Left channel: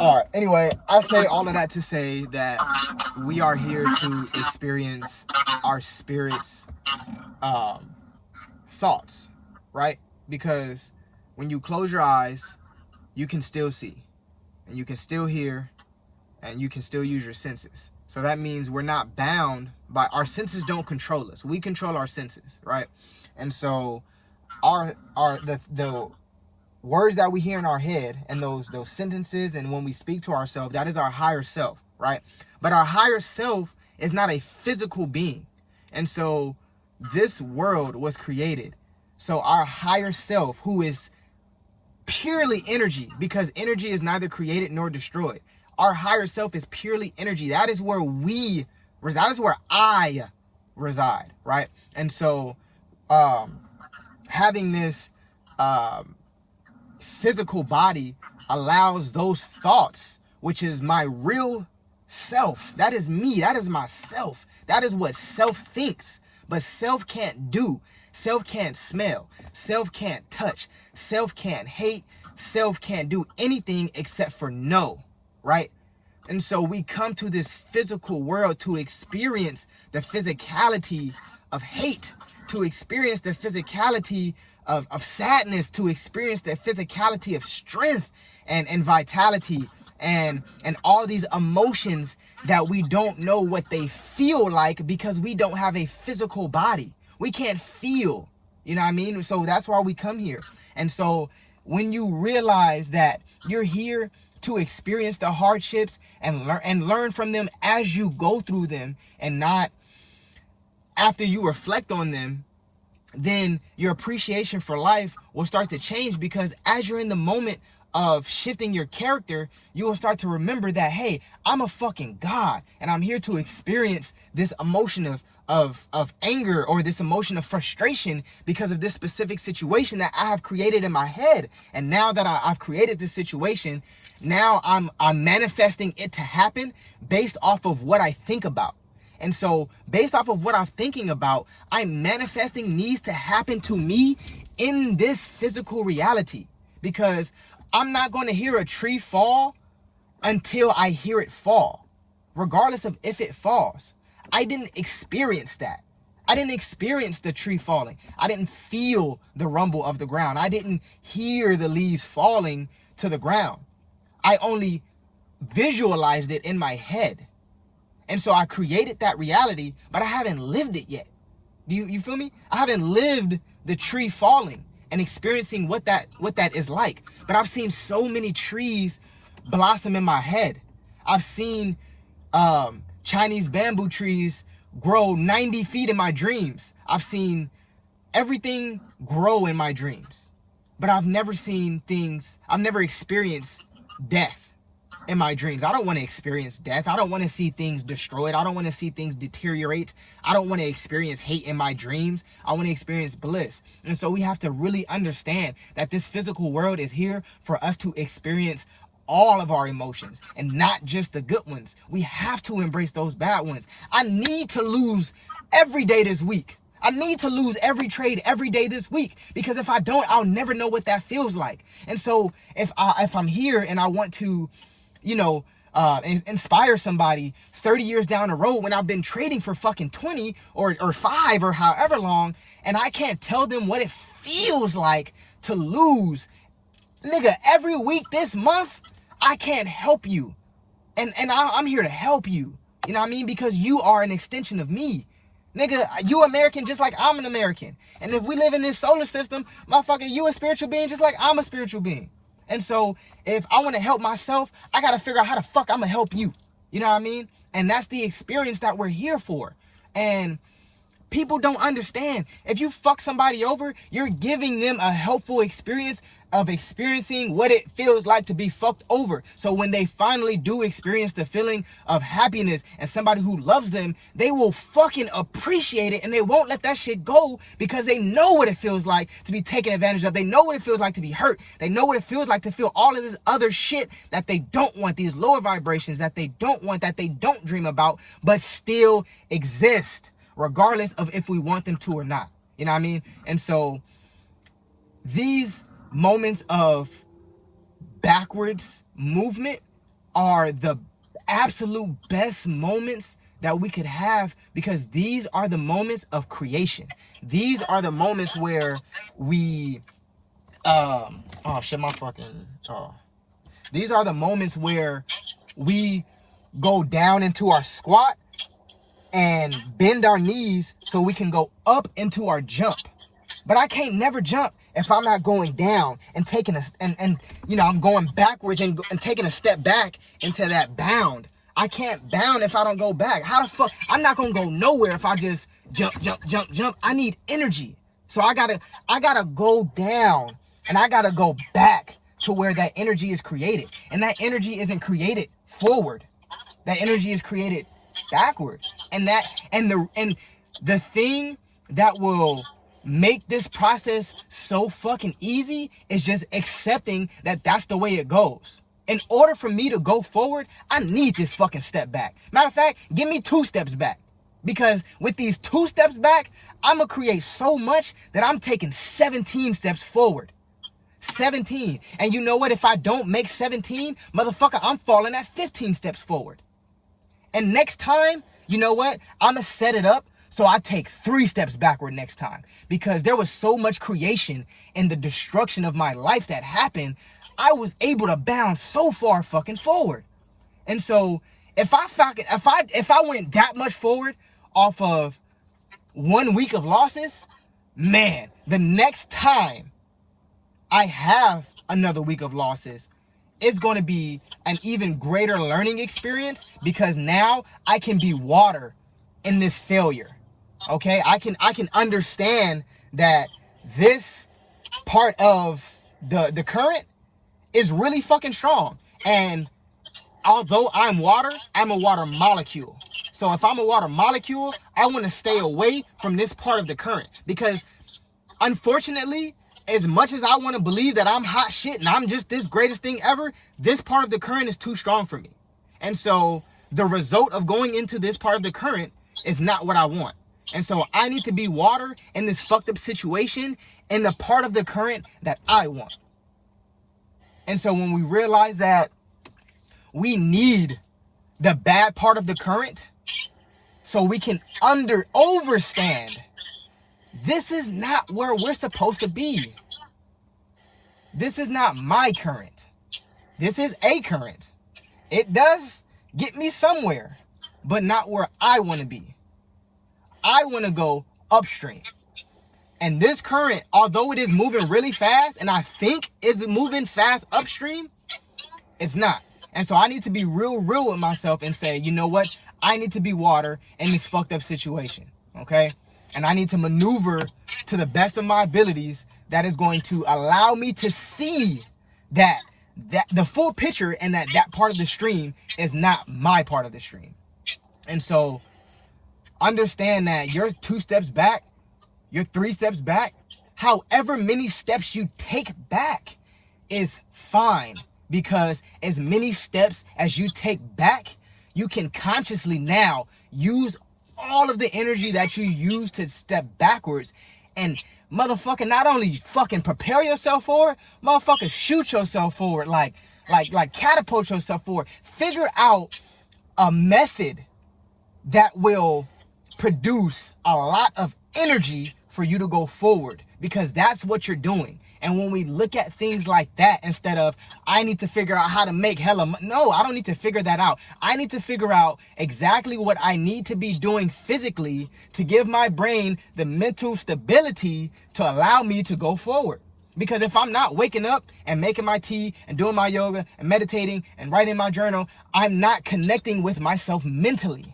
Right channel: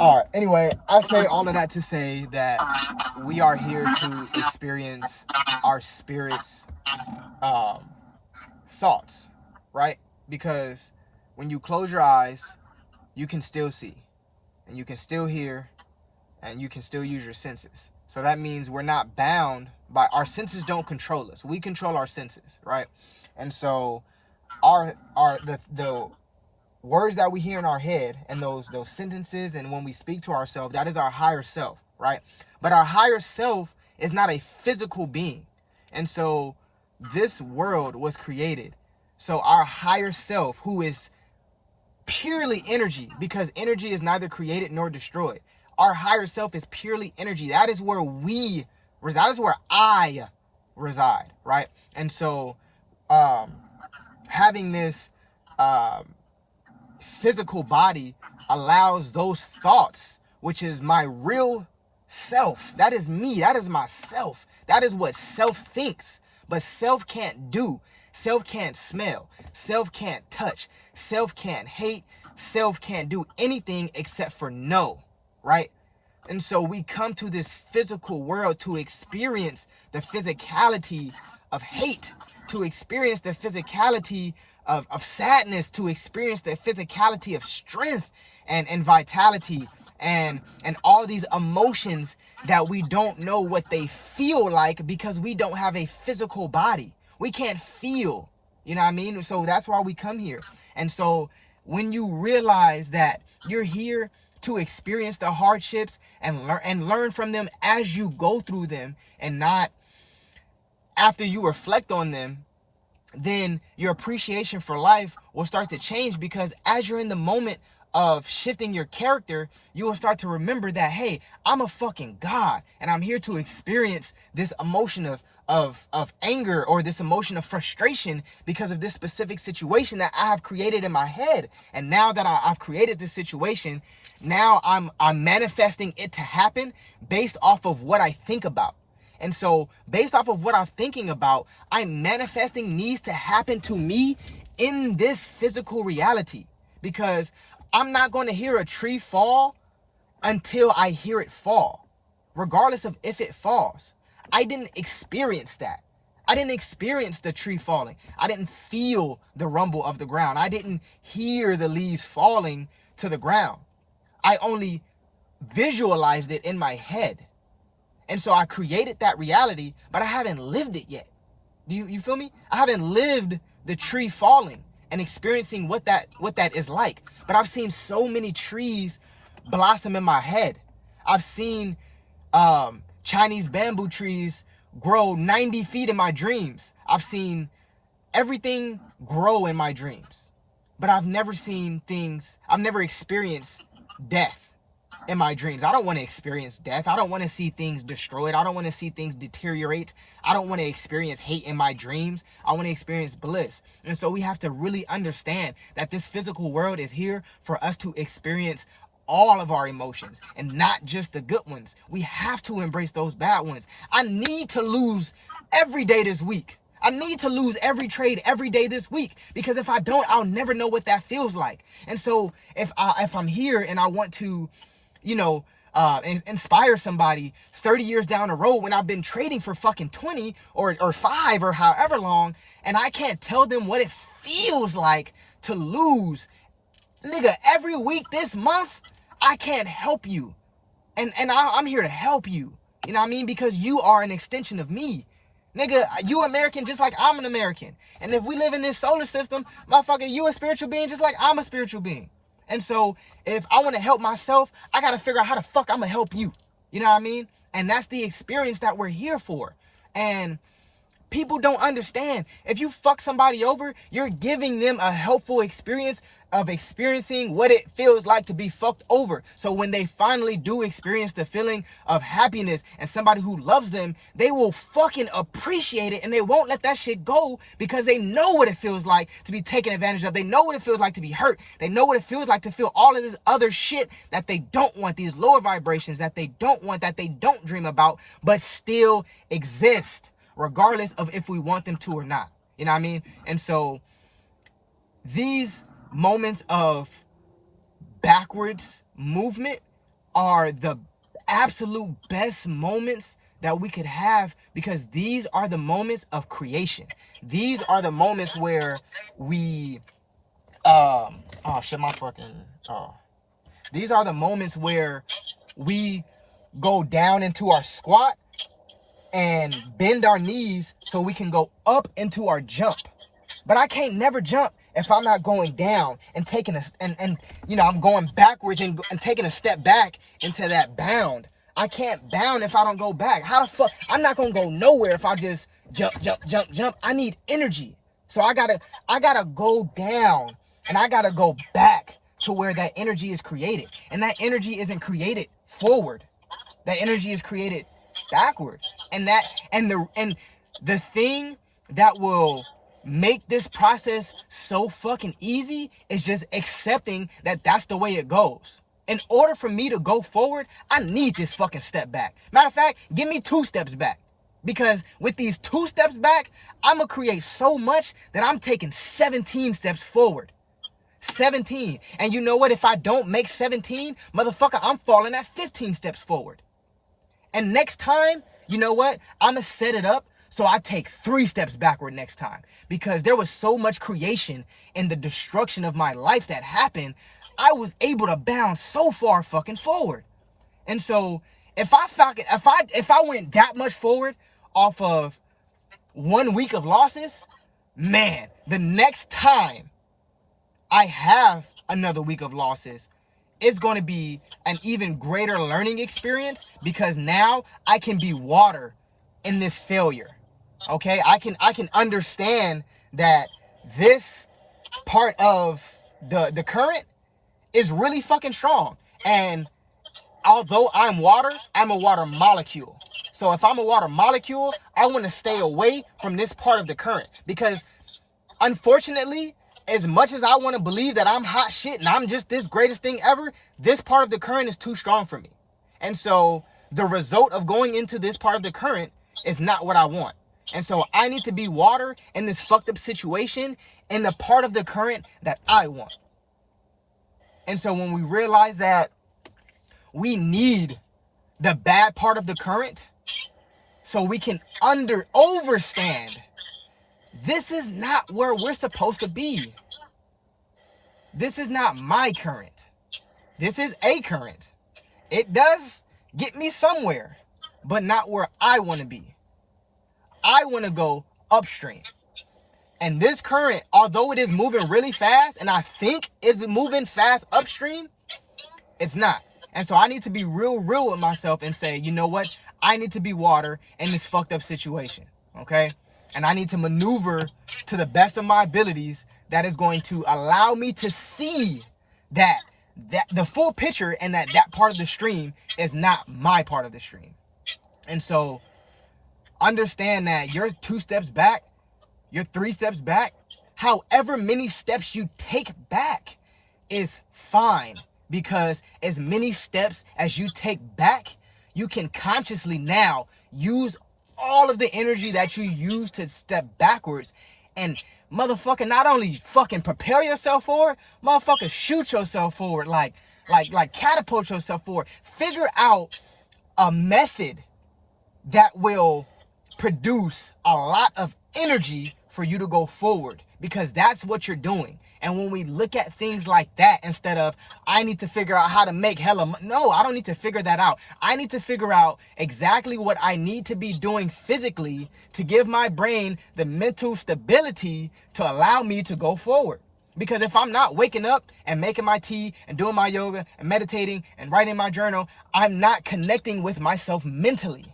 All right. Anyway, I say all of that to say that we are here to experience our spirit's um, thoughts, right? Because when you close your eyes, you can still see, and you can still hear, and you can still use your senses. So that means we're not bound by our senses. Don't control us. We control our senses, right? And so the words that we hear in our head and those sentences and when we speak to ourselves, that is our higher self, right? But our higher self is not a physical being. And so this world was created so our higher self, who is purely energy, because energy is neither created nor destroyed, our higher self is purely energy. That is where we reside. That is where I reside, right? And so having this physical body allows those thoughts, which is my real self, that is me, that is myself, that is what self thinks. But self can't do, self can't smell, self can't touch, self can't hate, self can't do anything except for know, right? And so we come to this physical world to experience the physicality of hate, to experience the physicality of sadness, to experience the physicality of strength and vitality and all these emotions that we don't know what they feel like because we don't have a physical body. We can't feel, you know what I mean? So that's why we come here. And so when you realize that you're here to experience the hardships and learn from them as you go through them and not after you reflect on them, then your appreciation for life will start to change, because as you're in the moment of shifting your character, you will start to remember that, hey, I'm a fucking God and I'm here to experience this emotion of anger or this emotion of frustration because of this specific situation that I have created in my head. And now that I've created this situation, now I'm manifesting it to happen based off of what I think about. And so based off of what I'm thinking about, I'm manifesting needs to happen to me in this physical reality, because I'm not going to hear a tree fall until I hear it fall, regardless of if it falls. I didn't experience that. I didn't experience the tree falling. I didn't feel the rumble of the ground. I didn't hear the leaves falling to the ground. I only visualized it in my head. And so I created that reality, but I haven't lived it yet. You feel me? I haven't lived the tree falling and experiencing what that is like. But I've seen so many trees blossom in my head. I've seen Chinese bamboo trees grow 90 feet in my dreams. I've seen everything grow in my dreams. But I've never experienced death in my dreams. I don't want to experience death. I don't want to see things destroyed. I don't want to see things deteriorate. I don't want to experience hate in my dreams. I want to experience bliss. And so we have to really understand that this physical world is here for us to experience all of our emotions and not just the good ones. We have to embrace those bad ones. I need to lose every day this week. I need to lose every trade every day this week, because if I don't, I'll never know what that feels like. And so if I'm here and I want to, inspire somebody 30 years down the road when I've been trading for fucking 20 or 5 or however long, and I can't tell them what it feels like to lose, nigga, every week this month, I can't help you. And I'm here to help you. You know what I mean? Because you are an extension of me. Nigga, you American just like I'm an American. And if we live in this solar system, motherfucker, you a spiritual being just like I'm a spiritual being. And so if I want to help myself, I got to figure out how the fuck I'm going to help you. You know what I mean? And that's the experience that we're here for. And people don't understand. If you fuck somebody over, you're giving them a helpful experience of experiencing what it feels like to be fucked over. So when they finally do experience the feeling of happiness and somebody who loves them, they will fucking appreciate it, and they won't let that shit go, because they know what it feels like to be taken advantage of. They know what it feels like to be hurt. They know what it feels like to feel all of this other shit that they don't want, these lower vibrations that they don't want, that they don't dream about, but still exist, regardless of if we want them to or not. You know what I mean? And so these moments of backwards movement are the absolute best moments that we could have, because these are the moments of creation. These are the moments where we oh shit, my fucking these are the moments where we go down into our squat and bend our knees so we can go up into our jump. But I can't never jump if I'm not going down and taking a and you know, I'm going backwards and taking a step back into that bound. I can't bound if I don't go back. How the fuck? I'm not gonna go nowhere if I just jump. I need energy. So I gotta go down and I gotta go back to where that energy is created. And that energy isn't created forward. That energy is created backward. And the thing that will make this process so fucking easy is just accepting that that's the way it goes. In order for me to go forward, I need this fucking step back. Matter of fact, give me 2 steps back. Because with these 2 steps back, I'm gonna create so much that I'm taking 17 steps forward. 17. And you know what? If I don't make 17, motherfucker, I'm falling at 15 steps forward. And next time, you know what? I'm gonna set it up so I take 3 steps backward next time. Because there was so much creation in the destruction of my life that happened, I was able to bound so far fucking forward. And so if I went that much forward off of 1 week of losses, man, the next time I have another week of losses, it's going to be an even greater learning experience, because now I can be water in this failure. Okay, I can understand that this part of the current is really fucking strong. And although I'm water, I'm a water molecule. So if I'm a water molecule, I want to stay away from this part of the current, because unfortunately, as much as I want to believe that I'm hot shit and I'm just this greatest thing ever, this part of the current is too strong for me. And so the result of going into this part of the current is not what I want. And so I need to be water in this fucked up situation in the part of the current that I want. And so when we realize that we need the bad part of the current so we can overstand, this is not where we're supposed to be. This is not my current. This is a current. It does get me somewhere, but not where I want to be. I want to go upstream. And this current, although it is moving really fast, and I think is moving fast upstream, it's not. And so I need to be real with myself and say, you know what? I need to be water in this fucked up situation, okay? And I need to maneuver to the best of my abilities that is going to allow me to see that the full picture, and that part of the stream is not my part of the stream. And so understand that you're 2 steps back, you're 3 steps back, however many steps you take back is fine, because as many steps as you take back, you can consciously now use all of the energy that you use to step backwards and motherfucker not only fucking prepare yourself forward, motherfucker shoot yourself forward, like catapult yourself forward. Figure out a method that will produce a lot of energy for you to go forward, because that's what you're doing. And when we look at things like that, instead of, I need to figure out how to make no, I don't need to figure that out. I need to figure out exactly what I need to be doing physically to give my brain the mental stability to allow me to go forward. Because if I'm not waking up and making my tea and doing my yoga and meditating and writing my journal, I'm not connecting with myself mentally.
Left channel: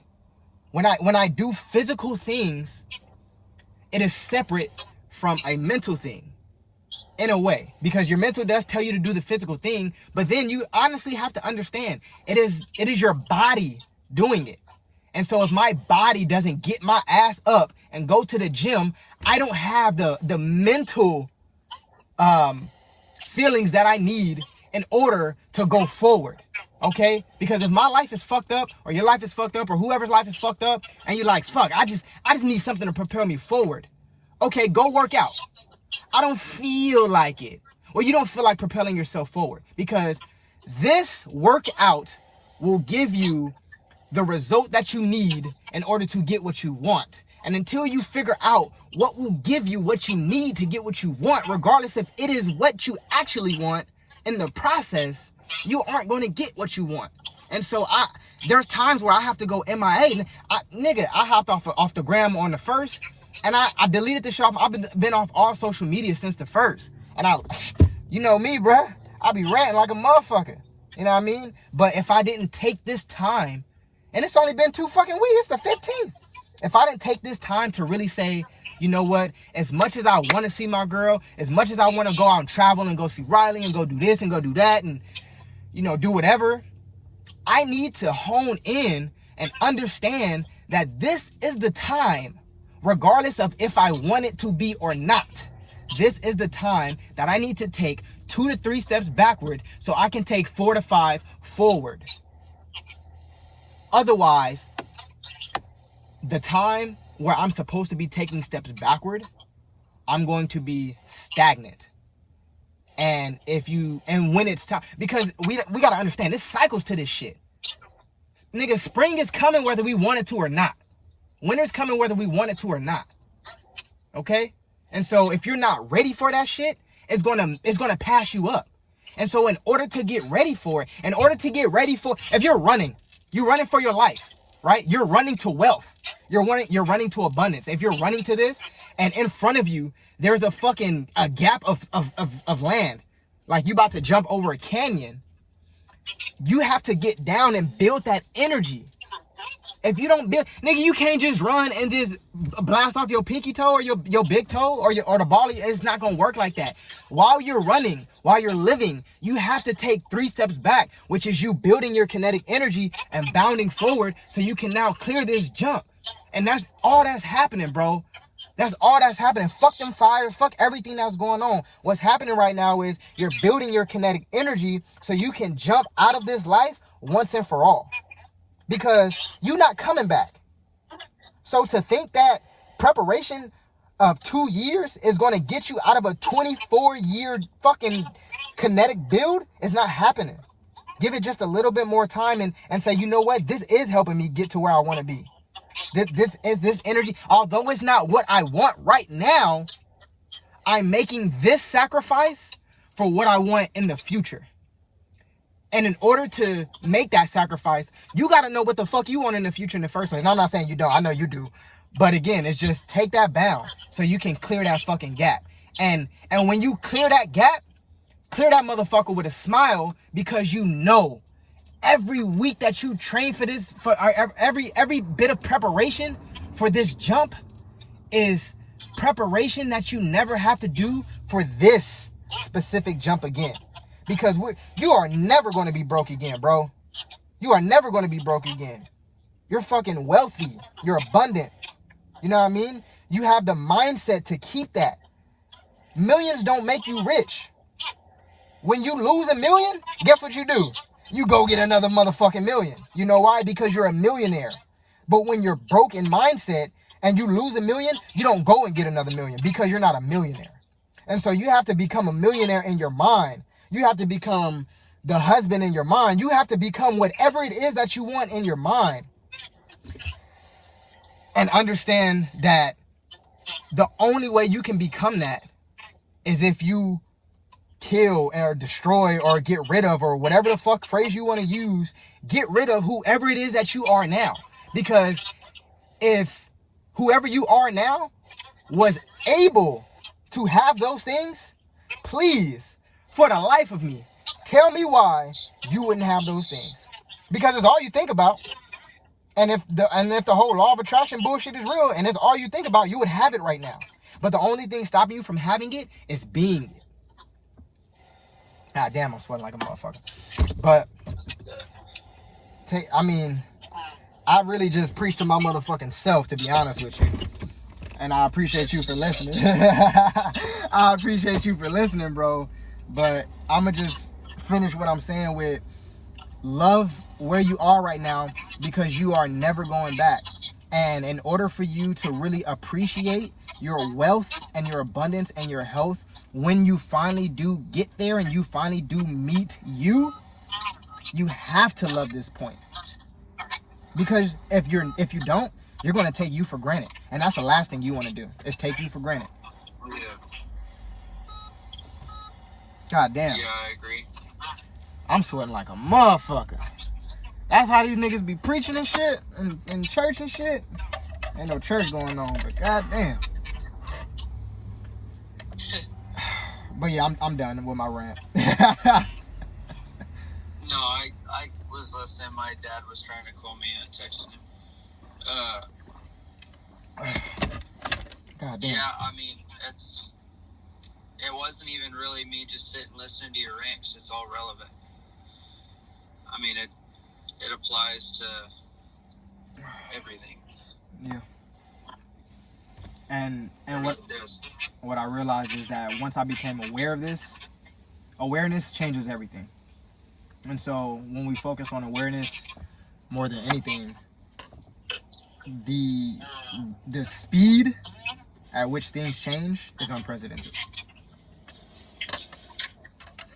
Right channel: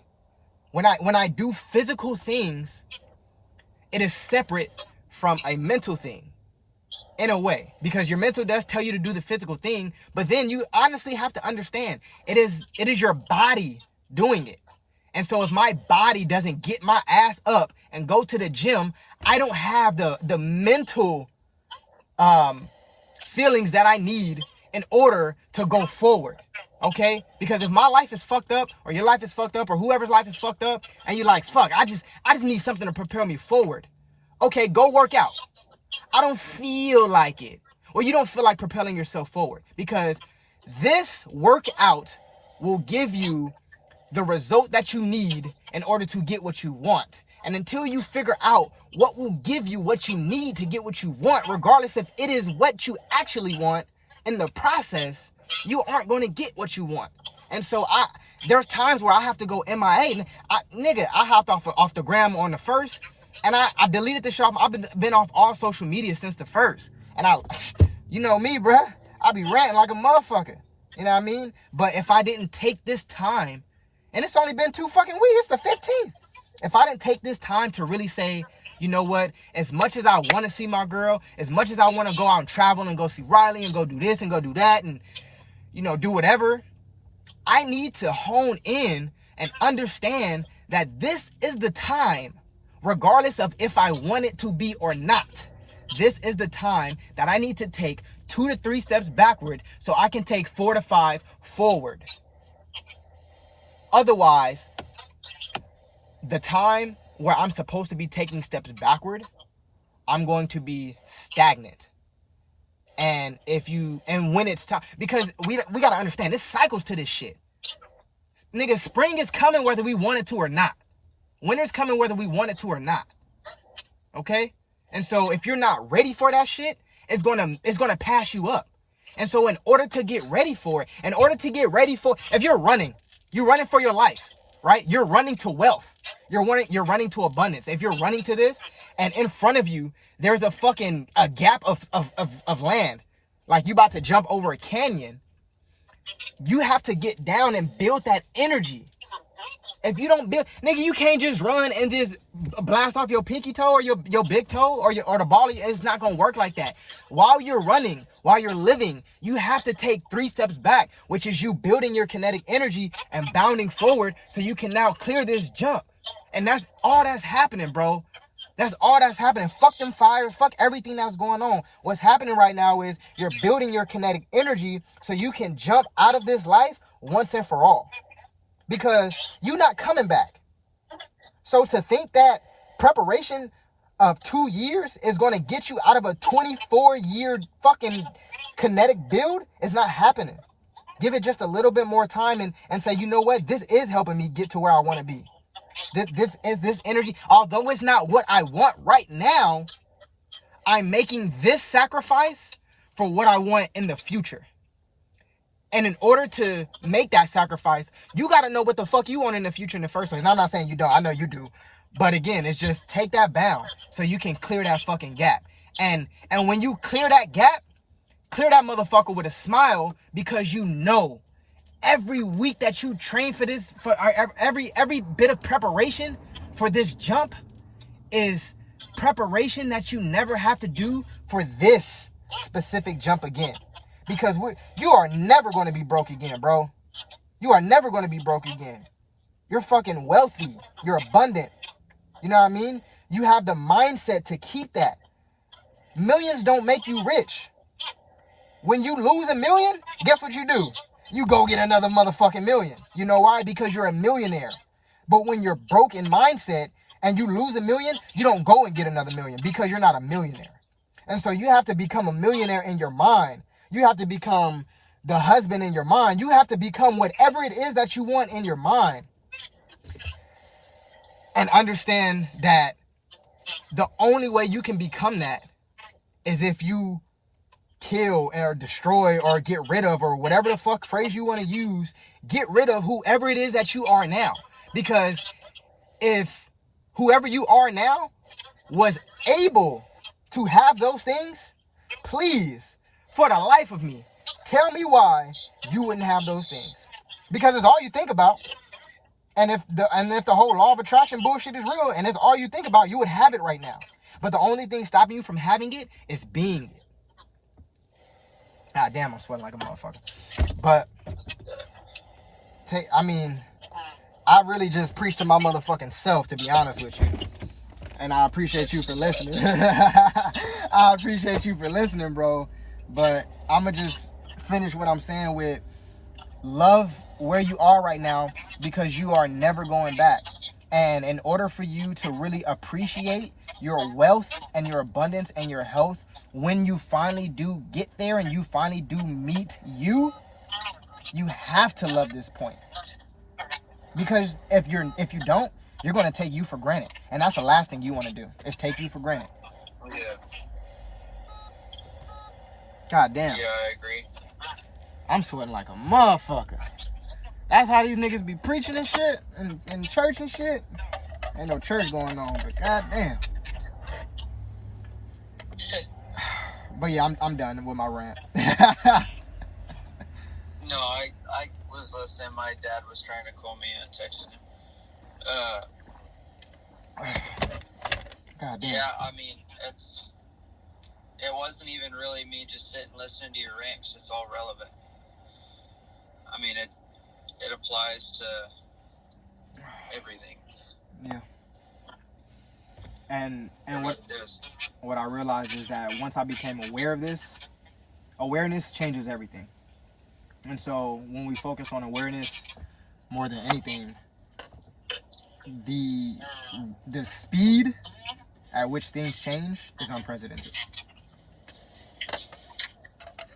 When I do physical things, it is separate from a mental thing. In a way, because your mental does tell you to do the physical thing, but then you honestly have to understand it is your body doing it. And so if my body doesn't get my ass up and go to the gym, I don't have the mental feelings that I need in order to go forward. Okay? Because if my life is fucked up, or your life is fucked up, or whoever's life is fucked up, and you're like, fuck, I just need something to propel me forward. Okay, go work out. I don't feel like it. Well, you don't feel like propelling yourself forward, because this workout will give you the result that you need in order to get what you want. And until you figure out what will give you what you need to get what you want, regardless if it is what you actually want, in the process, you aren't going to get what you want. And so there's times where I have to go MIA. I hopped off the gram on the first, and I deleted the shop. I've been off all social media since the first. And you know me, bruh, I be ranting like a motherfucker. You know what I mean? But if I didn't take this time, and it's only been 2 fucking weeks, it's the 15th. If I didn't take this time to really say, you know what, as much as I want to see my girl, as much as I want to go out and travel and go see Riley and go do this and go do that and, you know, do whatever, I need to hone in and understand that this is the time, regardless of if I want it to be or not. This is the time that I need to take 2 to 3 steps backward so I can take 4 to 5 forward. Otherwise, the time where I'm supposed to be taking steps backward, I'm going to be stagnant. And when it's time, because we got to understand, this cycles to this shit. Nigga, spring is coming whether we want it to or not. Winter's coming whether we want it to or not. Okay? And so if you're not ready for that shit, it's gonna pass you up. And so in order to get ready for it, if you're running for your life, right? You're running to wealth. You're running to abundance. If you're running to this, and in front of you, there's a gap of land, like you about to jump over a canyon, you have to get down and build that energy. If you don't build, nigga, you can't just run and just blast off your pinky toe or your big toe or the ball. It's not gonna work like that. While you're running, while you're living, you have to take 3 steps back, which is you building your kinetic energy and bounding forward so you can now clear this jump. And that's all that's happening, bro. That's all that's happening. Fuck them fires. Fuck everything that's going on. What's happening right now is you're building your kinetic energy so you can jump out of this life once and for all. Because you're not coming back. So to think that preparation of 2 years is going to get you out of a 24-year fucking kinetic build is not happening. Give it just a little bit more time and say, you know what? This is helping me get to where I want to be. This energy, although it's not what I want right now, I'm making this sacrifice for what I want in the future. And in order to make that sacrifice, you got to know what the fuck you want in the future in the first place. And I'm not saying you don't. I know you do. But again, it's just take that bound so you can clear that fucking gap. And when you clear that gap, clear that motherfucker with a smile, because you know every week that you train for this, for every bit of preparation for this jump is preparation that you never have to do for this specific jump again. Because you are never going to be broke again, bro. You are never going to be broke again. You're fucking wealthy. You're abundant. You know what I mean? You have the mindset to keep that. Millions don't make you rich. When you lose $1 million, guess what you do? You go get another motherfucking million. You know why? Because you're a millionaire. But when you're broke in mindset and you lose $1 million, you don't go and get another million because you're not a millionaire. And so you have to become a millionaire in your mind. You have to become the husband in your mind. You have to become whatever it is that you want in your mind. And understand that the only way you can become that is if you kill or destroy or get rid of, or whatever the fuck phrase you want to use, get rid of whoever it is that you are now. Because if whoever you are now was able to have those things, please, for the life of me, tell me why you wouldn't have those things. Because it's all you think about. And if the whole law of attraction bullshit is real and it's all you think about, you would have it right now. But the only thing stopping you from having it is being it. God damn, I'm sweating like a motherfucker. But I really just preached to my motherfucking self, to be honest with you. And I appreciate you for listening. I appreciate you for listening, bro. But I'm going to just finish what I'm saying with love where you are right now, because you are never going back. And in order for you to really appreciate your wealth and your abundance and your health, when you finally do get there and you finally do meet you You have to love this point. Because if you don't, you're going to take you for granted. And that's the last thing you want to do, is take you for granted. Yeah. God damn. Yeah, I agree. I'm sweating like a motherfucker. That's how these niggas be preaching and shit in church and shit. Ain't no church going on, but god damn. But yeah, I'm done with my rant. No, I was listening. My dad was trying to call me and I texted him. God damn. Yeah, I mean, it wasn't even really me just sitting listening to your rant, 'cause it's all relevant. I mean, it applies to everything. Yeah. And what I realized is that once I became aware of this, awareness changes everything. And so when we focus on awareness more than anything, the speed at which things change is unprecedented.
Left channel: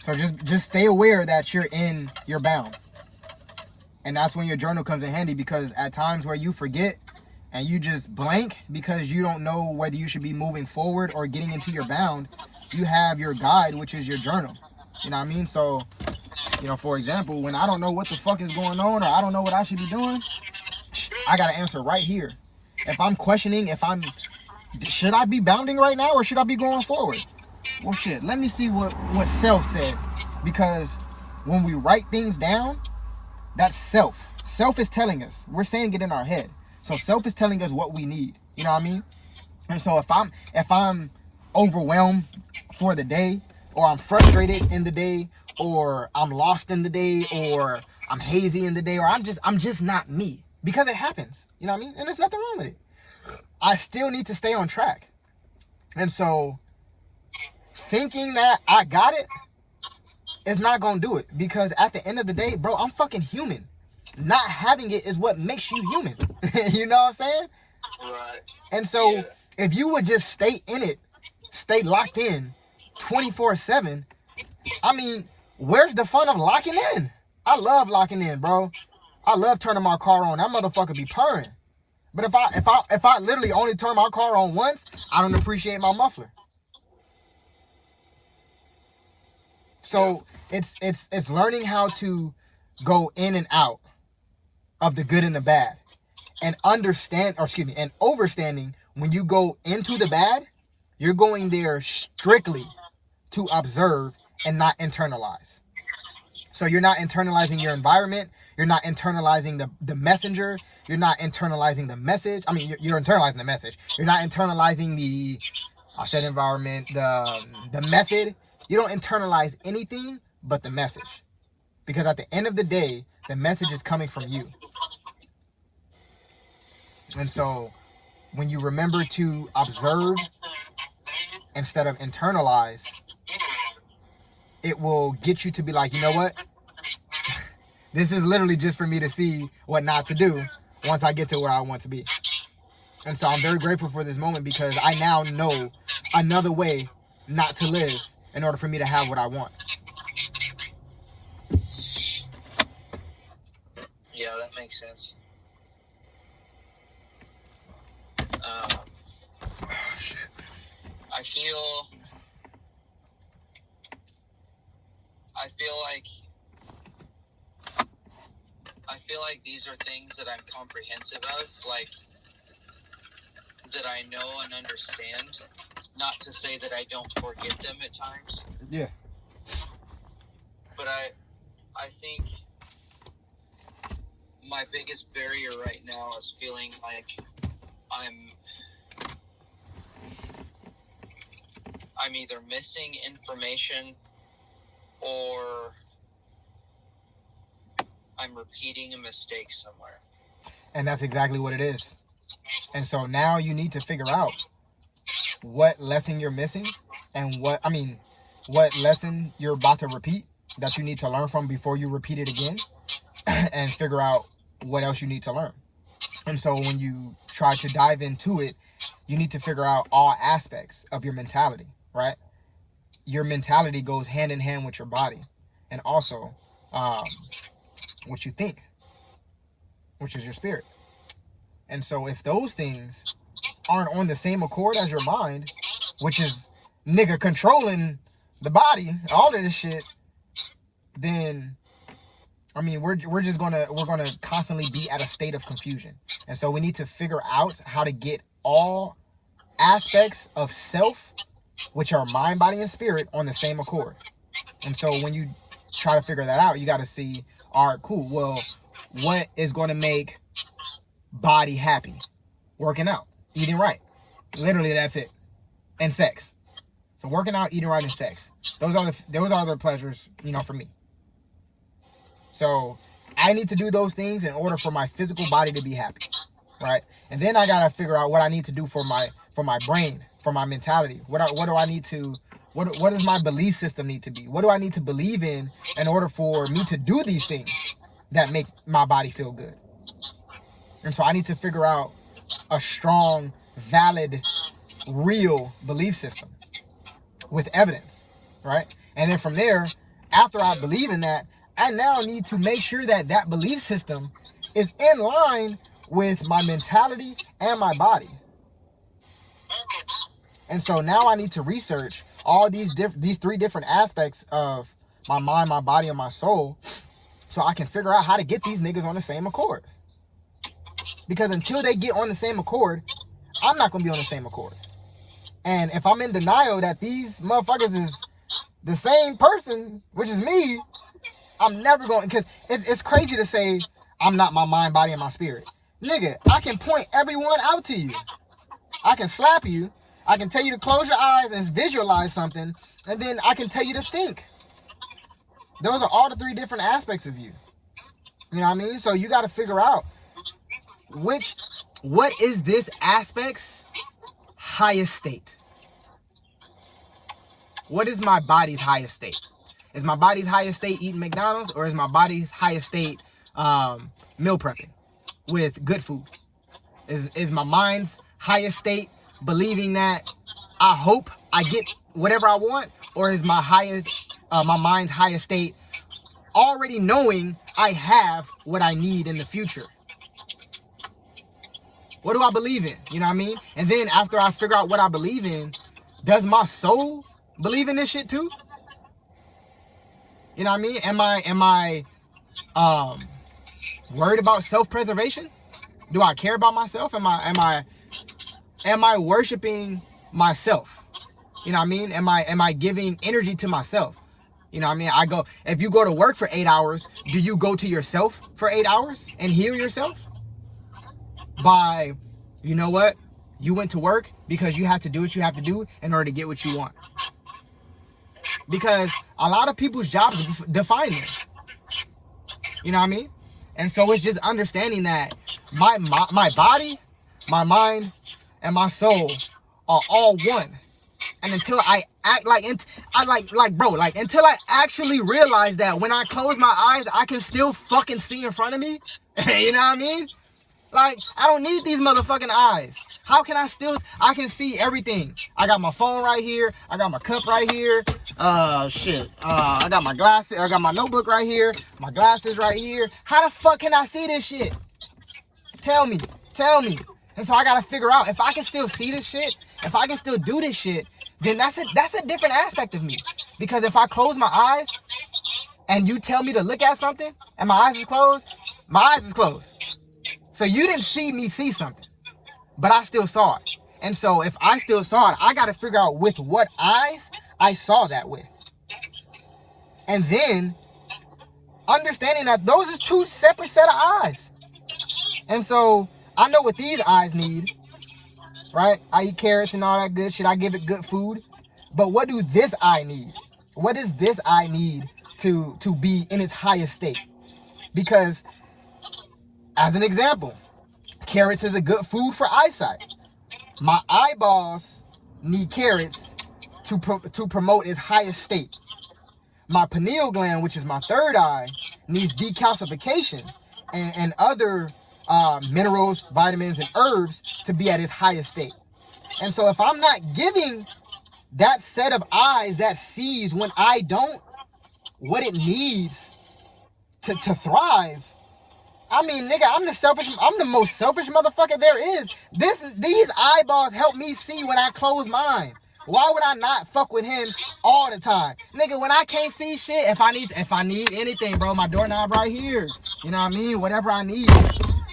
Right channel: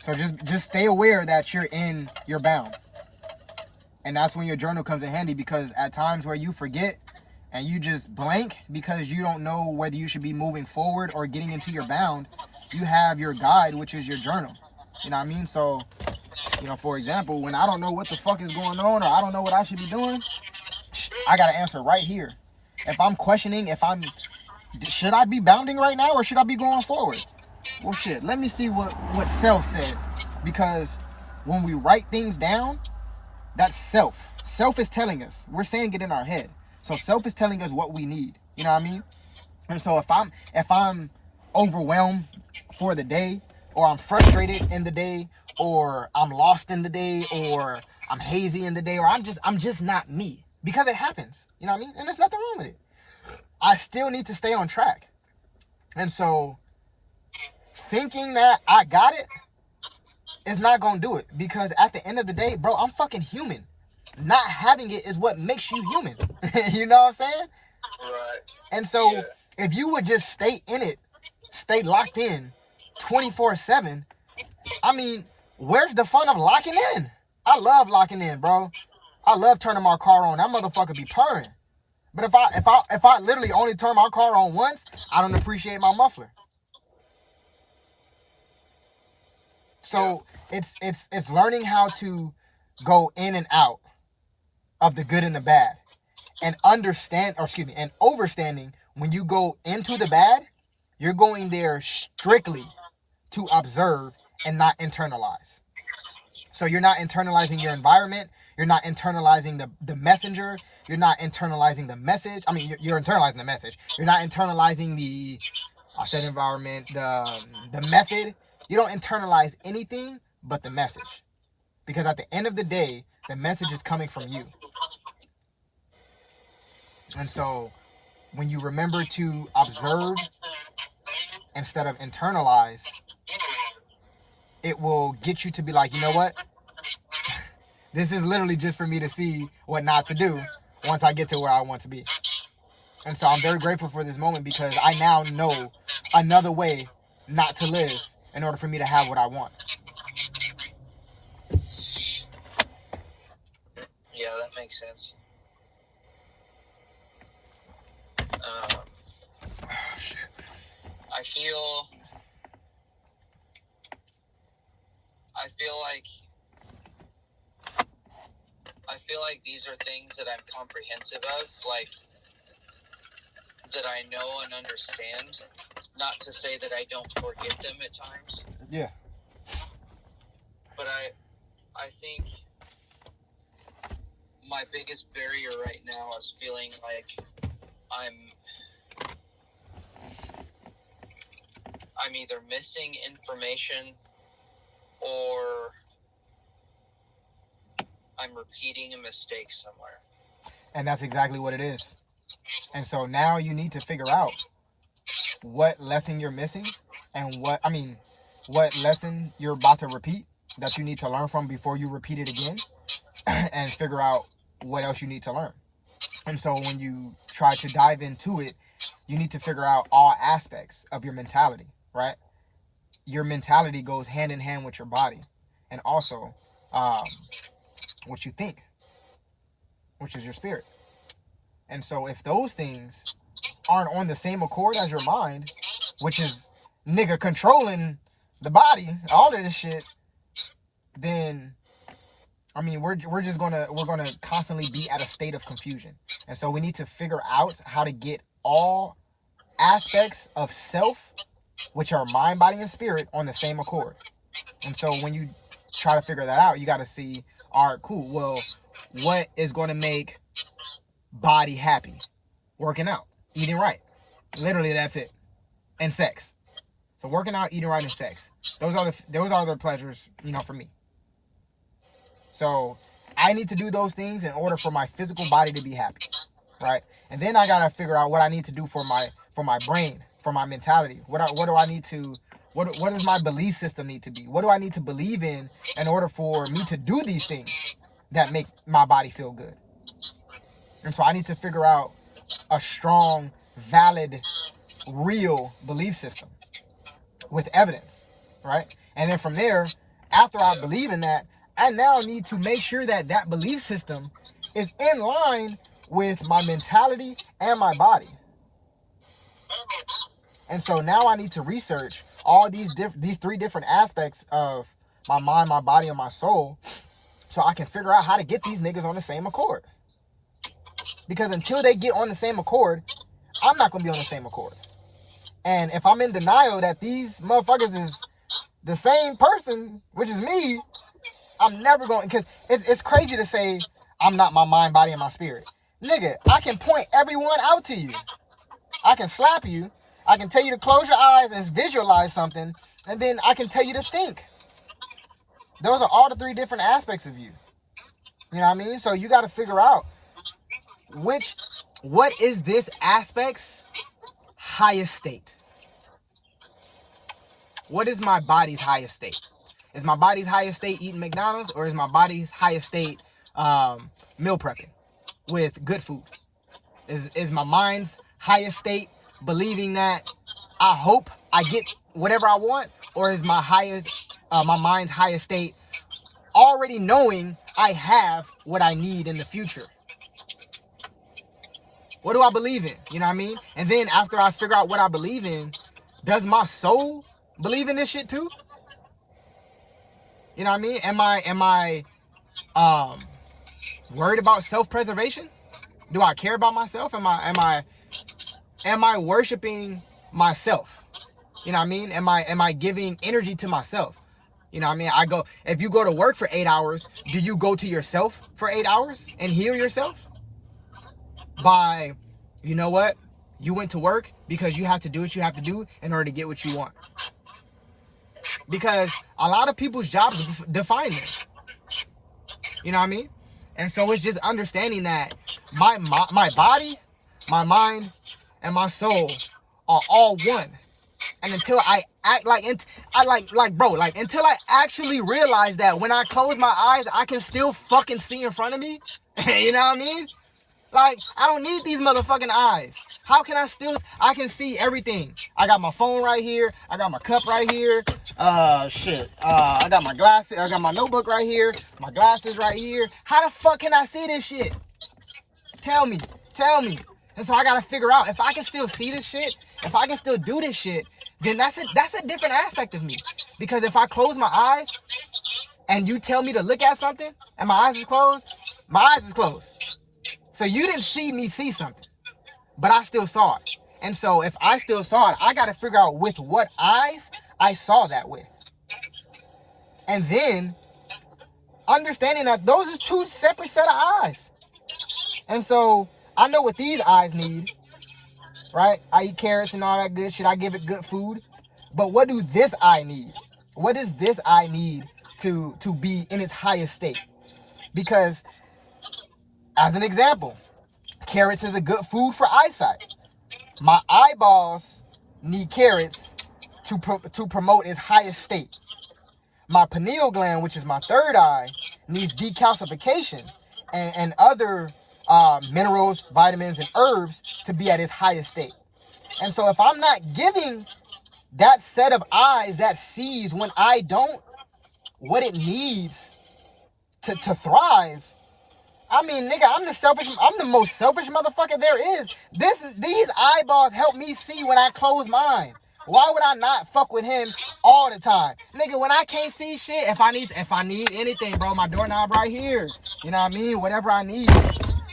So just stay aware that you're bound. And that's when your journal comes in handy, because at times where you forget and you just blank because you don't know whether you should be moving forward or getting into your bound, you have your guide, which is your journal. You know what I mean? So, for example, when I don't know what the fuck is going on or I don't know what I should be doing, I got to answer right here. If I'm questioning, should I be bounding right now or should I be going forward? Well, shit, let me see what self said. Because when we write things down, that's self. Self is telling us. We're saying it in our head. So self is telling us what we need. You know what I mean? And so if I'm overwhelmed for the day, or I'm frustrated in the day, or I'm lost in the day, or I'm hazy in the day, or I'm just not me. Because it happens. You know what I mean? And there's nothing wrong with it. I still need to stay on track. And so thinking that I got it is not gonna do it, because at the end of the day, bro, I'm fucking human. Not having it is what makes you human. You know what I'm saying? Right. And so if you would just stay in it, stay locked in 24/7, I mean, where's the fun of locking in? I love locking in, bro. I love turning my car on. That motherfucker be purring. But if I literally only turn my car on once, I don't appreciate my muffler. So it's learning how to go in and out of the good and the bad, and overstanding when you go into the bad, you're going there strictly to observe and not internalize. So you're not internalizing your environment, you're not internalizing the messenger, you're not internalizing the message. I mean, you're internalizing the message. You're not internalizing the environment, the method. You don't internalize anything but the message. Because at the end of the day, the message is coming from you. And so when you remember to observe instead of internalize, it will get you to be like, you know what? This is literally just for me to see what not to do once I get to where I want to be. And so I'm very grateful for this moment, because I now know another way not to live in order for me to have what I want. Yeah, that makes sense. Shit. I feel like these are things that I'm comprehensive of, like that I know and understand. Not to say that I don't forget them at times. Yeah. But I think my biggest barrier right now is feeling like I'm either missing information or I'm repeating a mistake somewhere. And that's exactly what it is. And so now you need to figure out what lesson you're missing and what lesson you're about to repeat that you need to learn from before you repeat it again, and figure out what else you need to learn. And so when you try to dive into it, you need to figure out all aspects of your mentality, right? Your mentality goes hand in hand with your body. And also, what you think, which is your spirit. And so if those things aren't on the same accord as your mind, which is nigga controlling the body, all of this shit, then I mean we're gonna constantly be at a state of confusion. And so we need to figure out how to get all aspects of self, which are mind, body, and spirit, on the same accord. And so when you try to figure that out, you got to see, all right, cool, well, what is going to make body happy? Working out, eating right. Literally, that's it. And sex. So working out, eating right, and sex. Those are the pleasures, for me. So I need to do those things in order for my physical body to be happy, right? And then I gotta figure out what I need to do for my brain, for my mentality. What do I need to? What does my belief system need to be? What do I need to believe in order for me to do these things that make my body feel good? And so I need to figure out a strong, valid, real belief system with evidence, right? And then from there, after I believe in that, I now need to make sure that that belief system is in line with my mentality and my body. And so now I need to research all these three different aspects of my mind, my body, and my soul, so I can figure out how to get these niggas on the same accord. Because until they get on the same accord, I'm not going to be on the same accord. And if I'm in denial that these motherfuckers is the same person, which is me, I'm never going, because it's crazy to say I'm not my mind, body, and my spirit. Nigga, I can point everyone out to you. I can slap you. I can tell you to close your eyes and visualize something. And then I can tell you to think. Those are all the three different aspects of you. You know what I mean? So you got to figure out what is this aspect's highest state? What is my body's highest state? Is my body's highest state eating McDonald's, or is my body's highest state meal prepping with good food? Is my mind's highest state believing that I hope I get whatever I want, or is my mind's highest state already knowing I have what I need in the future? What do I believe in? You know what I mean? And then after I figure out what I believe in, does my soul believe in this shit too? You know what I mean? Am I worried about self-preservation? Do I care about myself? Am I worshiping myself? You know what I mean? Am I giving energy to myself? You know what I mean? If you go to work for 8 hours, do you go to yourself for 8 hours and heal yourself? By, you know what? You went to work because you have to do what you have to do in order to get what you want. Because a lot of people's jobs define them. You know what I mean? And so it's just understanding that my body, my mind, and my soul are all one. And until I act until I actually realize that when I close my eyes, I can still fucking see in front of me. You know what I mean? Like, I don't need these motherfucking eyes. How can I can see everything. I got my phone right here. I got my cup right here. I got my glasses. I got my notebook right here. My glasses right here. How the fuck can I see this shit? Tell me. And so I gotta figure out, if I can still see this shit, if I can still do this shit, then that's a different aspect of me. Because if I close my eyes and you tell me to look at something and my eyes is closed, my eyes is closed. So you didn't see me see something, but I still saw it. And so if I still saw it, I got to figure out with what eyes I saw that with. And then understanding that those is two separate set of eyes. And so I know what these eyes need, right? I eat carrots and all that good shit. I give it good food. But what do this eye need? What does this eye need to be in its highest state? Because, as an example, carrots is a good food for eyesight. My eyeballs need carrots to promote its highest state. My pineal gland, which is my third eye, needs decalcification and other minerals, vitamins, and herbs to be at its highest state. And so if I'm not giving that set of eyes that sees when I don't what it needs to thrive. I mean, nigga, I'm the most selfish motherfucker there is. These eyeballs help me see when I close mine. Why would I not fuck with him all the time? Nigga, when I can't see shit, if I need anything, bro, my doorknob right here. You know what I mean? Whatever I need.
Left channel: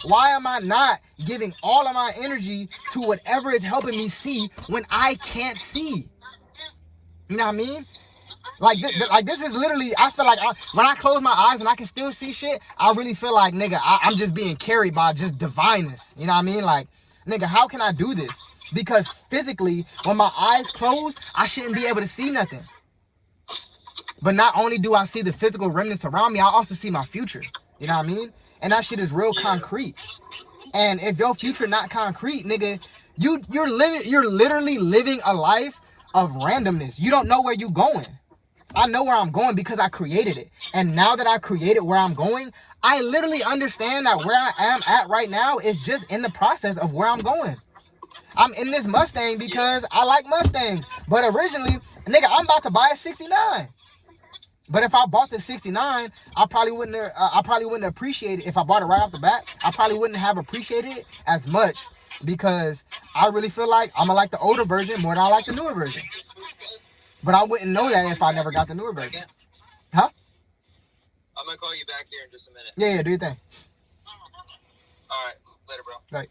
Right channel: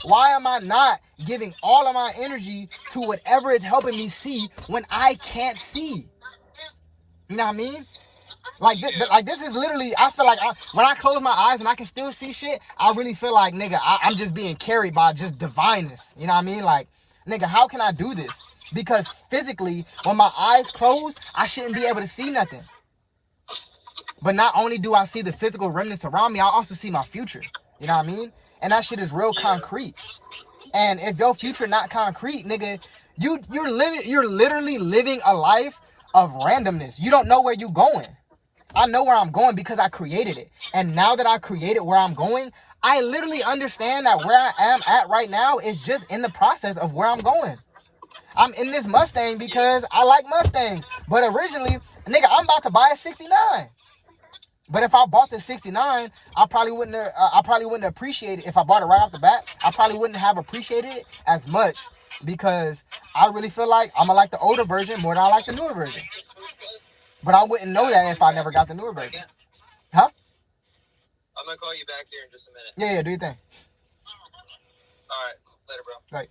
Why am I not giving all of my energy to whatever is helping me see when I can't see? You know what I mean? Like this is literally, I feel like when I close my eyes and I can still see shit, I really feel like, nigga, I'm just being carried by just divineness. You know what I mean? Like, nigga, how can I do this? Because physically, when my eyes close, I shouldn't be able to see nothing. But not only do I see the physical remnants around me, I also see my future. You know what I mean? And that shit is real concrete. And if your future not concrete, nigga, you're literally living a life of randomness. You don't know where you're going. I know where I'm going because I created it. And now that I created where I'm going, I literally understand that where I am at right now is just in the process of where I'm going. I'm in this Mustang because I like Mustangs. But originally, nigga, I'm about to buy a 69. But if I bought the 69, I probably wouldn't appreciate it. If I bought it right off the bat, I probably wouldn't have appreciated it as much because I really feel like I'm gonna like the older version more than I like the newer version. But I wouldn't know that if I never got the newer version. Huh? I'm gonna call you back here in just a minute. Yeah, do your thing. All right, later, bro. Right.